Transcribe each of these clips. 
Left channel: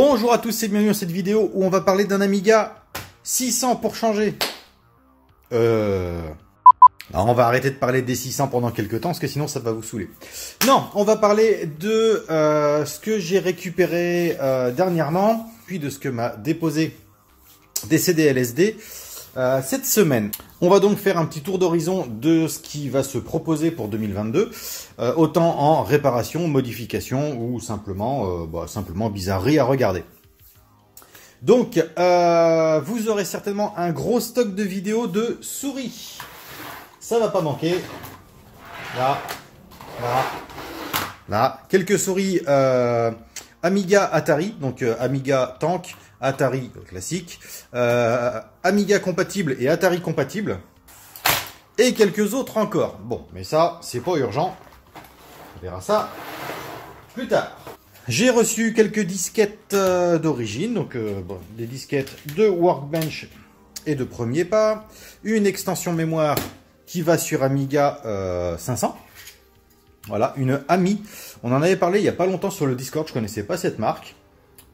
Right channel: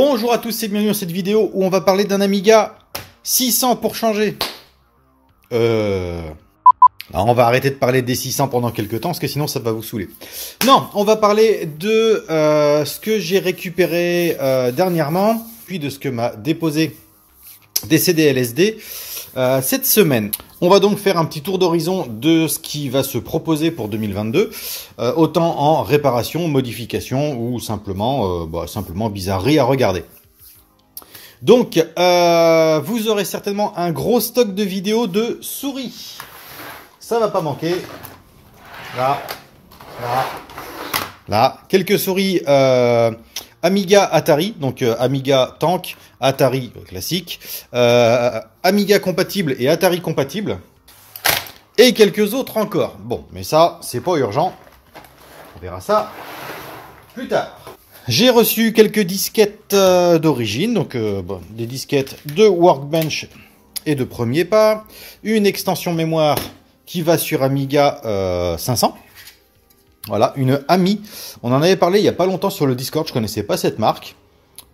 Bonjour à tous et bienvenue dans cette vidéo où on va parler d'un Amiga 600 pour changer. Alors on va arrêter de parler des 600 pendant quelques temps parce que sinon ça va vous saouler. Non, on va parler de ce que j'ai récupéré dernièrement, puis de ce que m'a déposé DCD-LSD cette semaine. On va donc faire un petit tour d'horizon de ce qui va se proposer pour 2022, autant en réparation, modification ou simplement, simplement bizarrerie à regarder. Donc, vous aurez certainement un gros stock de vidéos de souris. Ça va pas manquer. Là, là, là. Quelques souris Amiga Atari, donc Amiga Tank, Atari classique, Amiga compatible et Atari compatible, et quelques autres encore. Bon, mais ça, c'est pas urgent. On verra ça plus tard. J'ai reçu quelques disquettes d'origine, donc des disquettes de Workbench et de premier pas, une extension mémoire qui va sur Amiga 500. Voilà, une AMI. On en avait parlé il n'y a pas longtemps sur le Discord, je ne connaissais pas cette marque.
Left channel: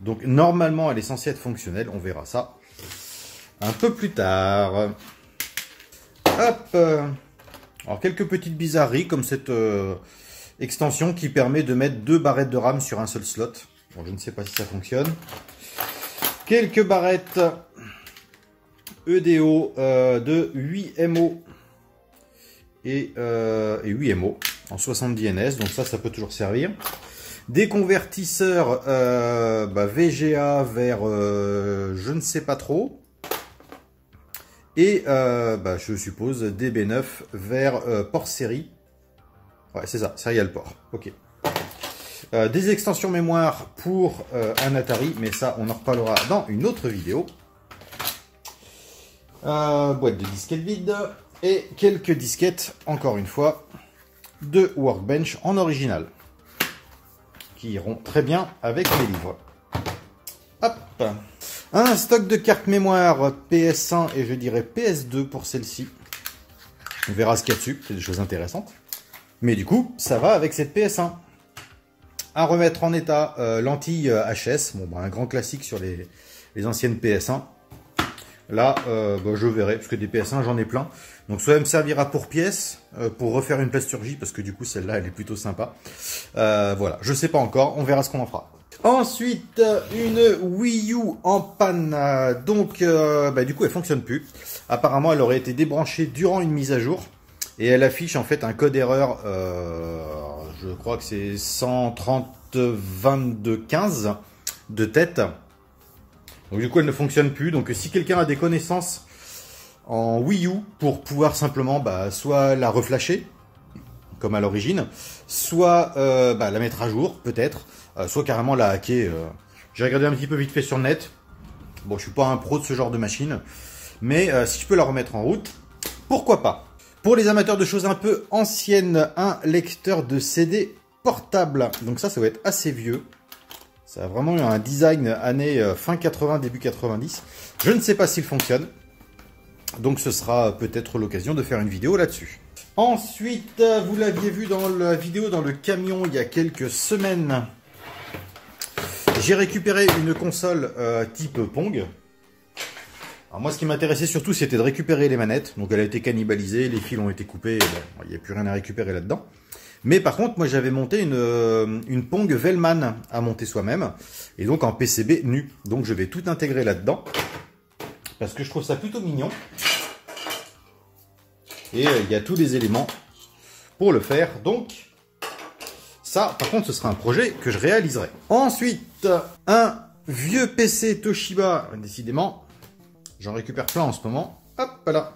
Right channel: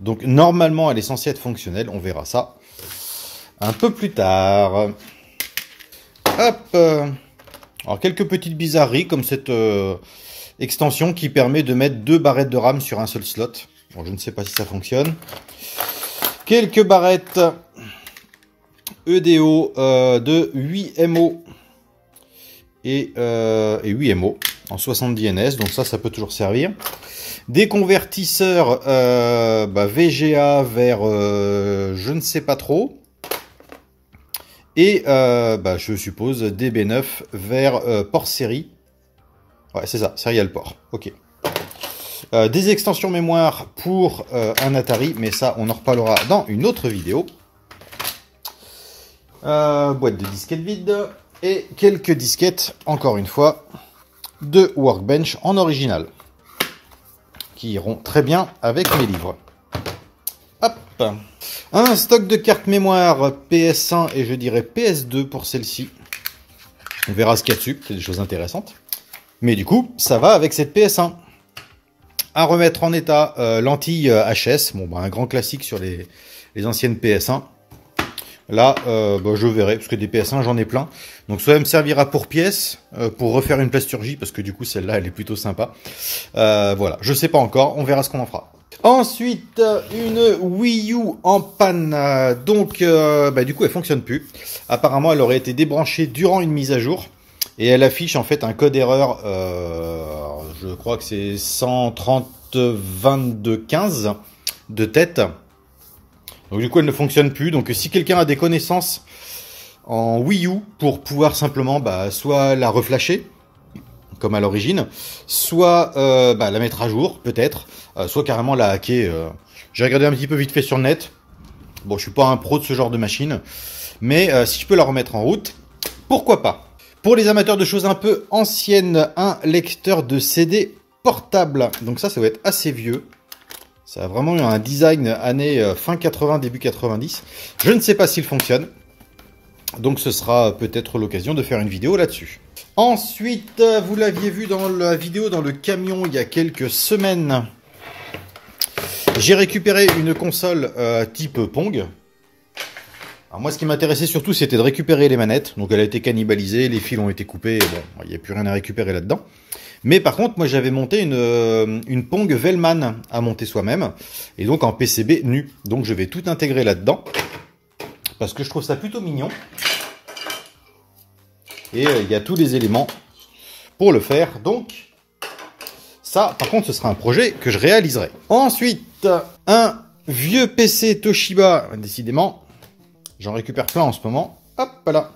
Donc normalement elle est censée être fonctionnelle, on verra ça un peu plus tard. Hop. Alors quelques petites bizarreries comme cette extension qui permet de mettre 2 barrettes de RAM sur un seul slot. Bon, je ne sais pas si ça fonctionne. Quelques barrettes EDO de 8 MO et 8 MO en 70 NS, donc ça peut toujours servir. Des convertisseurs VGA vers je ne sais pas trop. Et je suppose DB9 vers port série. Ouais, c'est ça, serial port. Ok. Des extensions mémoire pour un Atari, mais ça, on en reparlera dans une autre vidéo. Boîte de disquettes vide. Et quelques disquettes, encore une fois, de Workbench en original. Qui iront très bien avec mes livres. Hop. Un stock de cartes mémoire PS1 et je dirais PS2 pour celle-ci. On verra ce qu'il y a dessus, c'est des choses intéressantes. Mais du coup, ça va avec cette PS1. À remettre en état, lentille HS, un grand classique sur les anciennes PS1. Là, je verrai, parce que des PS1, j'en ai plein. Donc, soit elle me servira pour pièce, pour refaire une plasturgie, parce que du coup, celle-là, elle est plutôt sympa. Voilà, je sais pas encore, on verra ce qu'on en fera. Ensuite, une Wii U en panne. Donc, du coup, elle fonctionne plus. Apparemment, elle aurait été débranchée durant une mise à jour. Et elle affiche en fait un code erreur, je crois que c'est 130-22-15 de tête. Donc du coup elle ne fonctionne plus. Donc si quelqu'un a des connaissances en Wii U pour pouvoir simplement soit la reflasher, comme à l'origine, soit la mettre à jour peut-être, soit carrément la hacker. J'ai regardé un petit peu vite fait sur le net. Bon, je suis pas un pro de ce genre de machine, mais si je peux la remettre en route, pourquoi pas. Pour les amateurs de choses un peu anciennes, un lecteur de CD portable. Donc ça va être assez vieux. Ça a vraiment eu un design année fin 80, début 90. Je ne sais pas s'il fonctionne. Donc ce sera peut-être l'occasion de faire une vidéo là-dessus. Ensuite, vous l'aviez vu dans la vidéo dans le camion il y a quelques semaines. J'ai récupéré une console type Pong. Alors moi, ce qui m'intéressait surtout, c'était de récupérer les manettes. Donc, elle a été cannibalisée, les fils ont été coupés. Bon, il n'y a plus rien à récupérer là-dedans. Mais par contre, moi, j'avais monté une Pong Velman à monter soi-même. Et donc, en PCB nu. Donc, je vais tout intégrer là-dedans. Parce que je trouve ça plutôt mignon. Et il y a tous les éléments pour le faire. Donc, ça, par contre, ce sera un projet que je réaliserai. Ensuite, un vieux PC Toshiba, décidément. J'en récupère plein en ce moment. Hop là.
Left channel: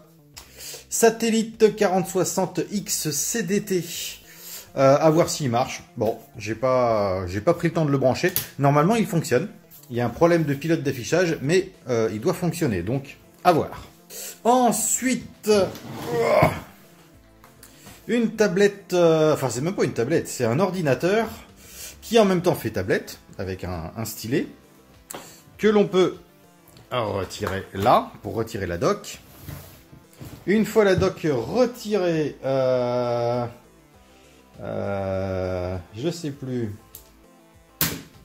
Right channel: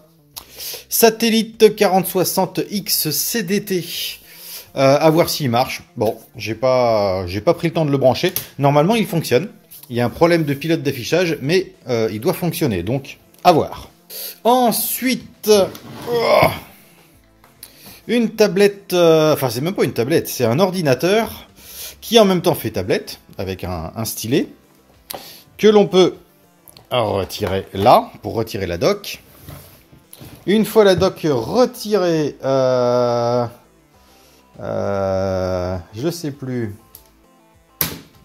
Satellite 4060X CDT. À voir s'il marche. Bon, j'ai pas pris le temps de le brancher. Normalement, il fonctionne. Il y a un problème de pilote d'affichage, mais il doit fonctionner. Donc, à voir. Ensuite, une tablette. Enfin, c'est même pas une tablette. C'est un ordinateur qui en même temps fait tablette avec un stylet que l'on peut retirer là, pour retirer la dock. Une fois la dock retirée, je sais plus.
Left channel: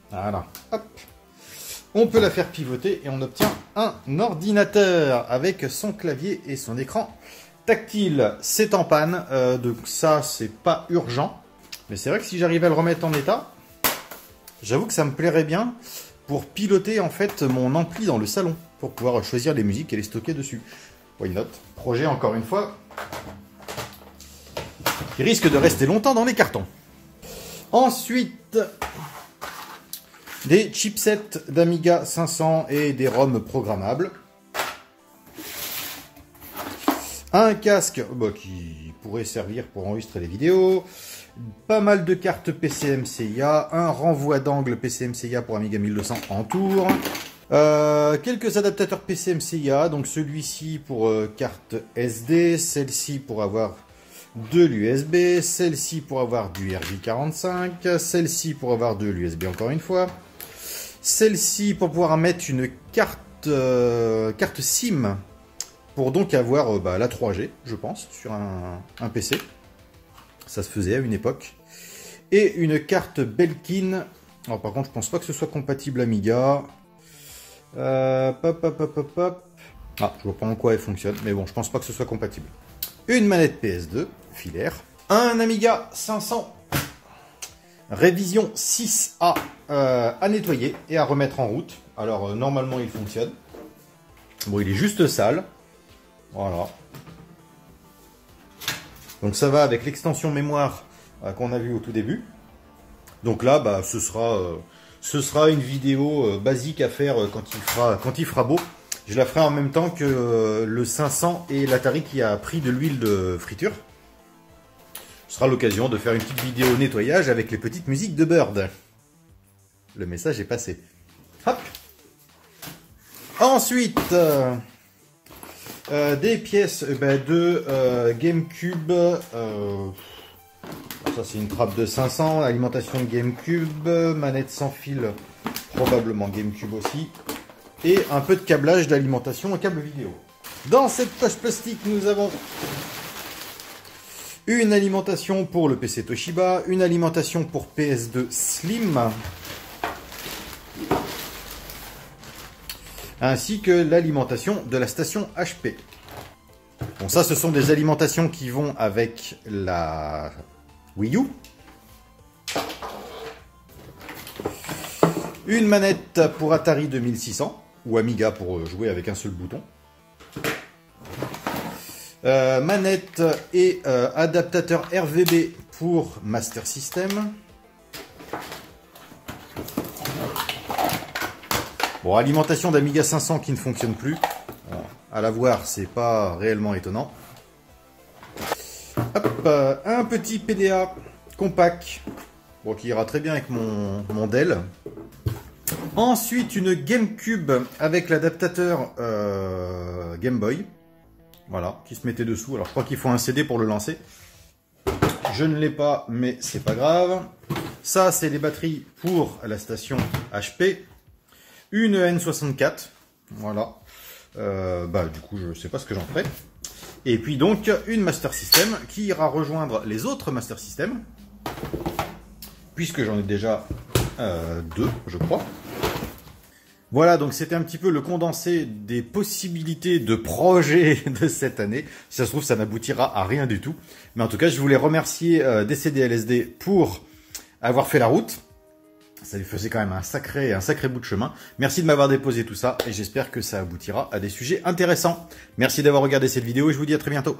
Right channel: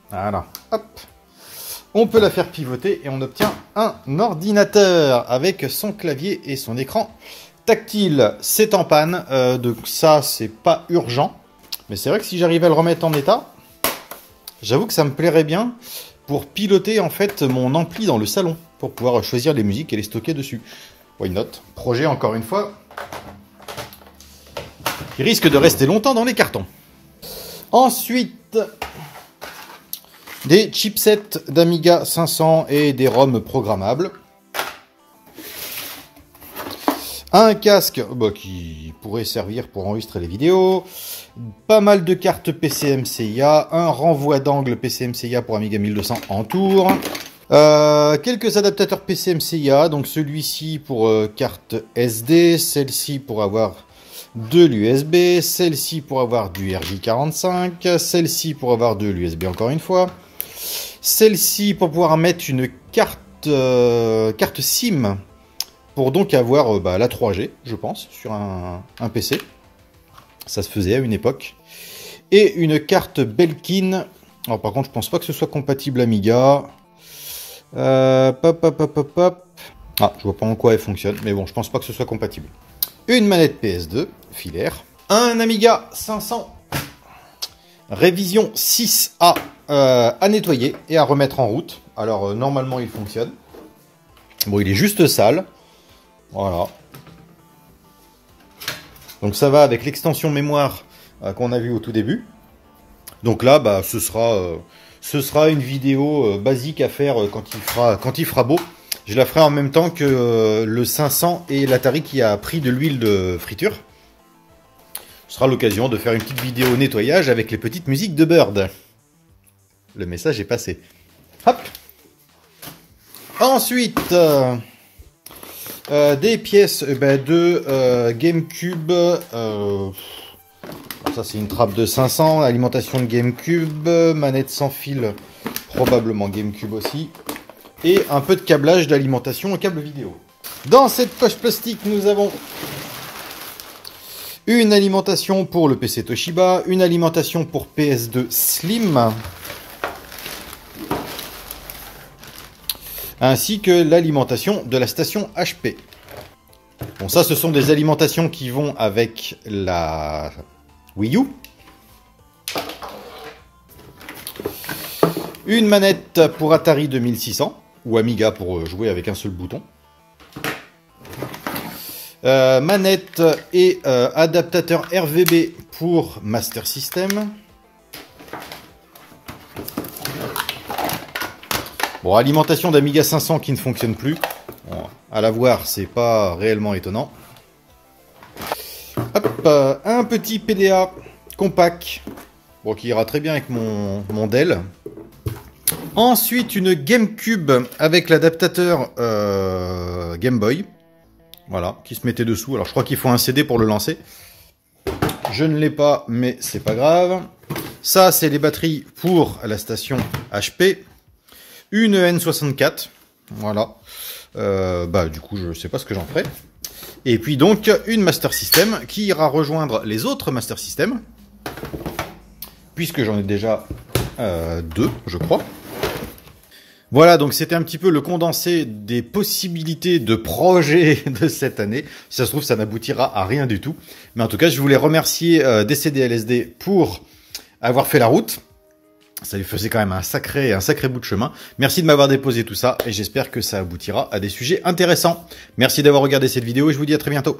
Voilà, hop. On peut la faire pivoter et on obtient un ordinateur avec son clavier et son écran tactile. C'est en panne, donc ça c'est pas urgent. Mais c'est vrai que si j'arrive à le remettre en état, j'avoue que ça me plairait bien pour piloter en fait mon ampli dans le salon, pour pouvoir choisir les musiques et les stocker dessus. Why not? Projet encore une fois, qui risque de rester longtemps dans les cartons. Ensuite, des chipsets d'Amiga 500 et des ROM programmables. Un casque qui pourrait servir pour enregistrer les vidéos. Pas mal de cartes PCMCIA. Un renvoi d'angle PCMCIA pour Amiga 1200 en tour. Quelques adaptateurs PCMCIA. Donc celui-ci pour carte SD. Celle-ci pour avoir de l'USB. Celle-ci pour avoir du RJ45. Celle-ci pour avoir de l'USB encore une fois. Celle-ci pour pouvoir mettre une carte SIM. Pour donc avoir la 3G, je pense, sur un PC. Ça se faisait à une époque. Et une carte Belkin. Alors par contre, je pense pas que ce soit compatible Amiga. Ah, je vois pas en quoi elle fonctionne. Mais bon, je pense pas que ce soit compatible. Une manette PS2, filaire. Un Amiga 500. Révision 6A à nettoyer et à remettre en route. Alors normalement, il fonctionne. Bon, il est juste sale. Voilà. Donc ça va avec l'extension mémoire qu'on a vue au tout début. Donc là, ce sera une vidéo basique à faire quand il fera beau. Je la ferai en même temps que le 500 et l'Atari qui a pris de l'huile de friture. Ce sera l'occasion de faire une petite vidéo nettoyage avec les petites musiques de Bird. Le message est passé. Hop. Ensuite... des pièces de GameCube. Ça c'est une trappe de 500. Alimentation de GameCube. Manette sans fil. Probablement GameCube aussi. Et un peu de câblage d'alimentation au câble vidéo. Dans cette poche plastique, nous avons une alimentation pour le PC Toshiba. Une alimentation pour PS2 Slim. Ainsi que l'alimentation de la station HP. Bon, ça, ce sont des alimentations qui vont avec la Wii U. Une manette pour Atari 2600, ou Amiga pour jouer avec un seul bouton. Manette et adaptateur RVB pour Master System. Bon, alimentation d'Amiga 500 qui ne fonctionne plus. Alors, à la voir, c'est pas réellement étonnant. Hop, un petit PDA compact. Bon, qui ira très bien avec mon Dell. Ensuite, une GameCube avec l'adaptateur Game Boy. Voilà, qui se mettait dessous. Alors, je crois qu'il faut un CD pour le lancer. Je ne l'ai pas, mais c'est pas grave. Ça, c'est les batteries pour la station HP. Une N64. Voilà. Du coup, je ne sais pas ce que j'en ferai. Et puis donc, une Master System qui ira rejoindre les autres Master System. Puisque j'en ai déjà deux, je crois. Voilà, donc c'était un petit peu le condensé des possibilités de projets de cette année. Si ça se trouve, ça n'aboutira à rien du tout. Mais en tout cas, je voulais remercier DCDLSD pour avoir fait la route. Ça lui faisait quand même un sacré bout de chemin. Merci de m'avoir déposé tout ça et j'espère que ça aboutira à des sujets intéressants. Merci d'avoir regardé cette vidéo et je vous dis à très bientôt.